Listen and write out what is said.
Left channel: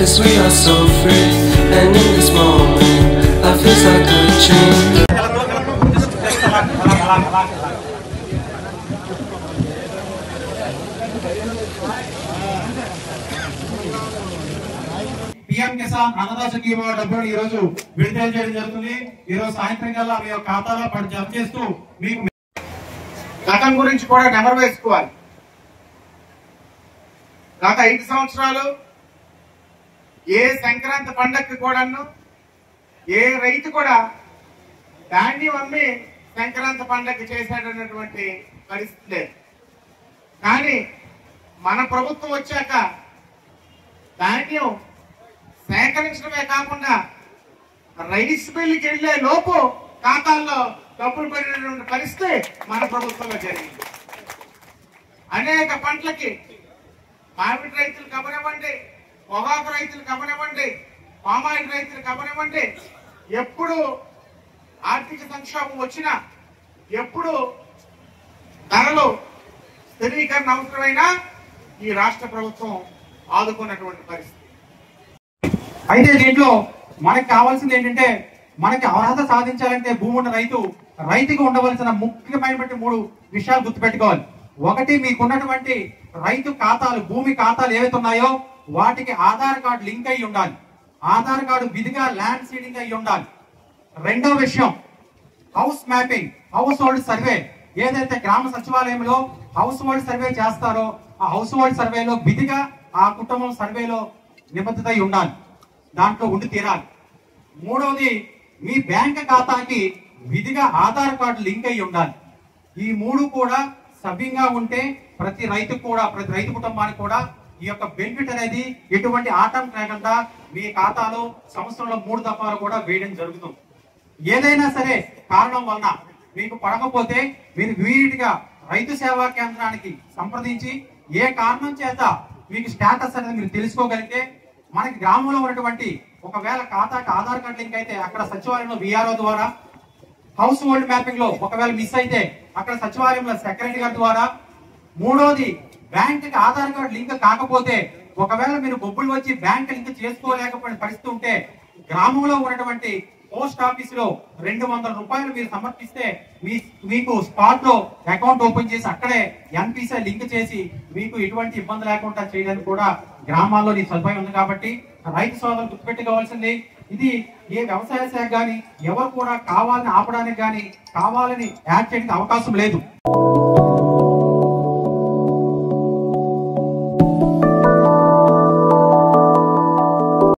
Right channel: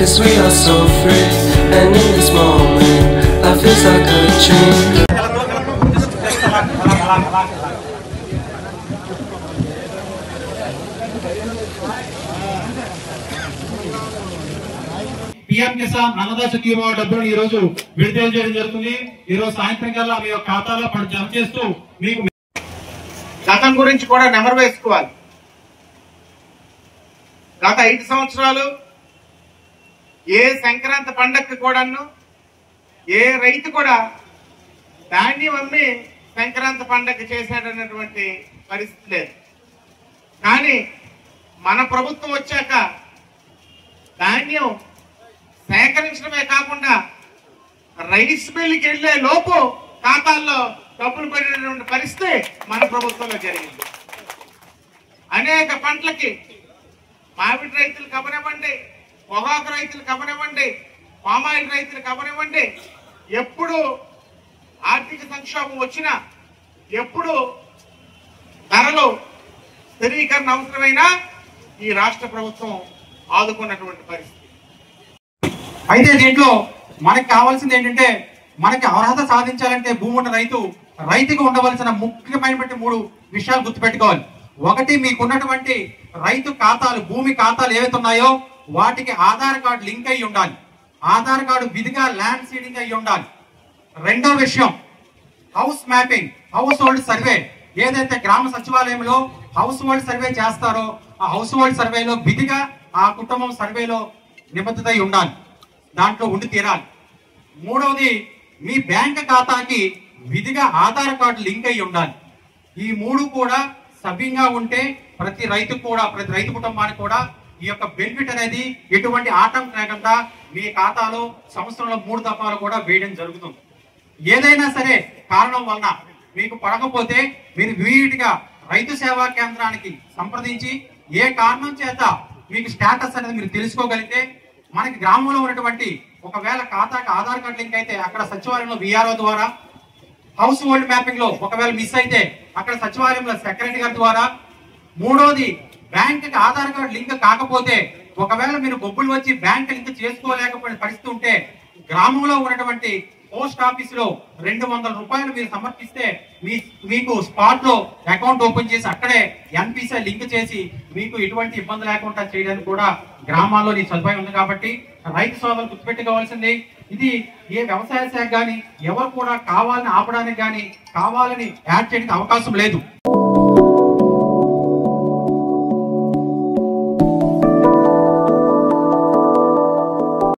'cause we are so free. And in this moment, life feels like a dream. PM Kisan Annadata Sukhibhava డబ్బులు ఈ రోజు విడుదల చేయడం జరుగుతుంది. ఈ రోజు సాయంత్రం కల్లా మీ ఖాతాలో జమ చేస్తూ మీకు గతం గురించి కూడా నెమరు వేసుకోవాలి. గత 5 సంవత్సరాలు ఏ సంక్రాంతి పండగకి కూడాను ఏ రైతు కూడా ధాన్యం అమ్మి సంక్రాంతి పండగ చేశాడన్నటువంటి పరిస్థితి లేదు. కానీ మన ప్రభుత్వం వచ్చాక ధాన్యం సేకరించడమే కాకుండా రైస్ మిల్లుకి వెళ్లే లోపు ఖాతాల్లో డబ్బులు పడినటువంటి పరిస్థితి మన ప్రభుత్వంలో జరిగింది. అనేక పంటలకి మామిడి రైతులు కబనివ్వండి, పొగాకు రైతులు కబనివ్వండి, పామాయిల్ రైతులు కబనివ్వండి, ఎప్పుడు ఆర్థిక సంక్షోభం వచ్చినా, ఎప్పుడు ధరలు స్థిరీకరణ అవసరమైనా ఈ రాష్ట్ర ప్రభుత్వం ఆదుకున్నటువంటి పరిస్థితి. అయితే దీంట్లో మనకి కావాల్సింది ఏంటంటే, మనకి అర్హత సాధించాలంటే భూమి ఉన్న రైతుకి ఉండవలసిన ముఖ్యమైనటువంటి 3 విషయాలు గుర్తుపెట్టుకోవాలి. ఒకటి, మీకున్నటువంటి రైతు ఖాతాలు, భూమి ఖాతాలు ఏవైతే ఉన్నాయో వాటికి ఆధార్ కార్డు లింక్ అయి ఉండాలి. ఆధార్ కార్డు విధిగా ల్యాండ్ సీడింగ్ అయి ఉండాలి. రెండో విషయం, house mapping, house hold survey. ఏదైతే గ్రామ సచివాలయంలో హౌస్ హోల్డ్ సర్వే చేస్తారో ఆ హౌస్ హోల్డ్ సర్వేలో విధిగా ఆ కుటుంబం సర్వేలో నిబద్ధత అయి ఉండాలి, దాంట్లో ఉండి తీరాలి. మూడవది, మీ బ్యాంక్ ఖాతాకి విధిగా ఆధార్ కార్డు లింక్ అయి ఉండాలి. ఈ 3 కూడా సవ్యంగా ఉంటే ప్రతి రైతు కుటుంబానికి కూడా ఈ యొక్క బెనిఫిట్ అనేది ఎటువంటి ఆటంకం లేకుండా మీ ఖాతాలో సంవత్సరంలో 3 దఫాలు కూడా వేయడం జరుగుతుంది. ఏదైనా సరే కారణం వలన మీకు పడకపోతే మీరు ఇమీడియట్గా రైతు సేవా కేంద్రానికి సంప్రదించి ఏ కారణం చేత మీకు స్టేటస్ అనేది మీరు తెలుసుకోగలిగితే, మనకి గ్రామంలో ఉన్నటువంటి ఒకవేళ ఖాతాకి ఆధార్ కార్డు లింక్ అయితే అక్కడ సచివాలయంలో VRO ద్వారా, హౌస్ హోల్డ్ మ్యాపింగ్ లో ఒకవేళ మిస్ అయితే అక్కడ సచివాలయంలో సెక్రటరీ గారి ద్వారా, మూడోది బ్యాంక్ కి ఆధార్ కార్డు లింక్ కాకపోతే ఒకవేళ మీరు బొబ్బులు వచ్చి బ్యాంక్ లింక్ చేసుకోలేకపోయిన పరిస్థితి ఉంటే గ్రామంలో ఉన్నటువంటి పోస్ట్ ఆఫీస్ లో 200 రూపాయలు మీరు సమర్పిస్తే మీకు స్పాట్ లో అకౌంట్ ఓపెన్ చేసి అక్కడే NPC లింక్ చేసి మీకు ఎటువంటి ఇబ్బంది లేకుండా చేయడానికి కూడా గ్రామాల్లో ఈ సదుపాయం ఉంది. కాబట్టి రైతు సోదరులు గుర్తుపెట్టుకోవాల్సింది, ఇది ఏ వ్యవసాయ శాఖ కానీ ఎవరు కూడా కావాలని ఆపడానికి కానీ కావాలని యాడ్ చేయడానికి అవకాశం లేదు.